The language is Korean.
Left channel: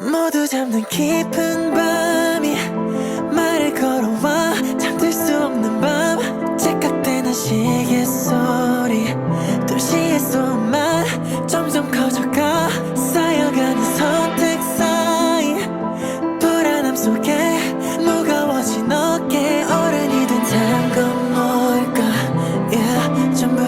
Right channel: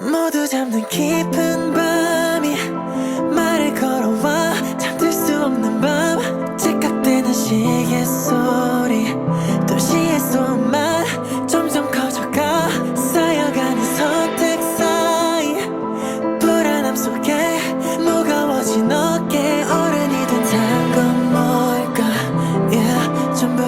모두 잠든 깊은 밤이 말을 걸어와 잠들 수 없는 밤 째깍대는 시계 소리 도시의 소음만 점점 커져가 쌓여가는 선택 사이 불안함 속에 무거워진 어깨 어른이 된 건 뭘까 yeah, 전부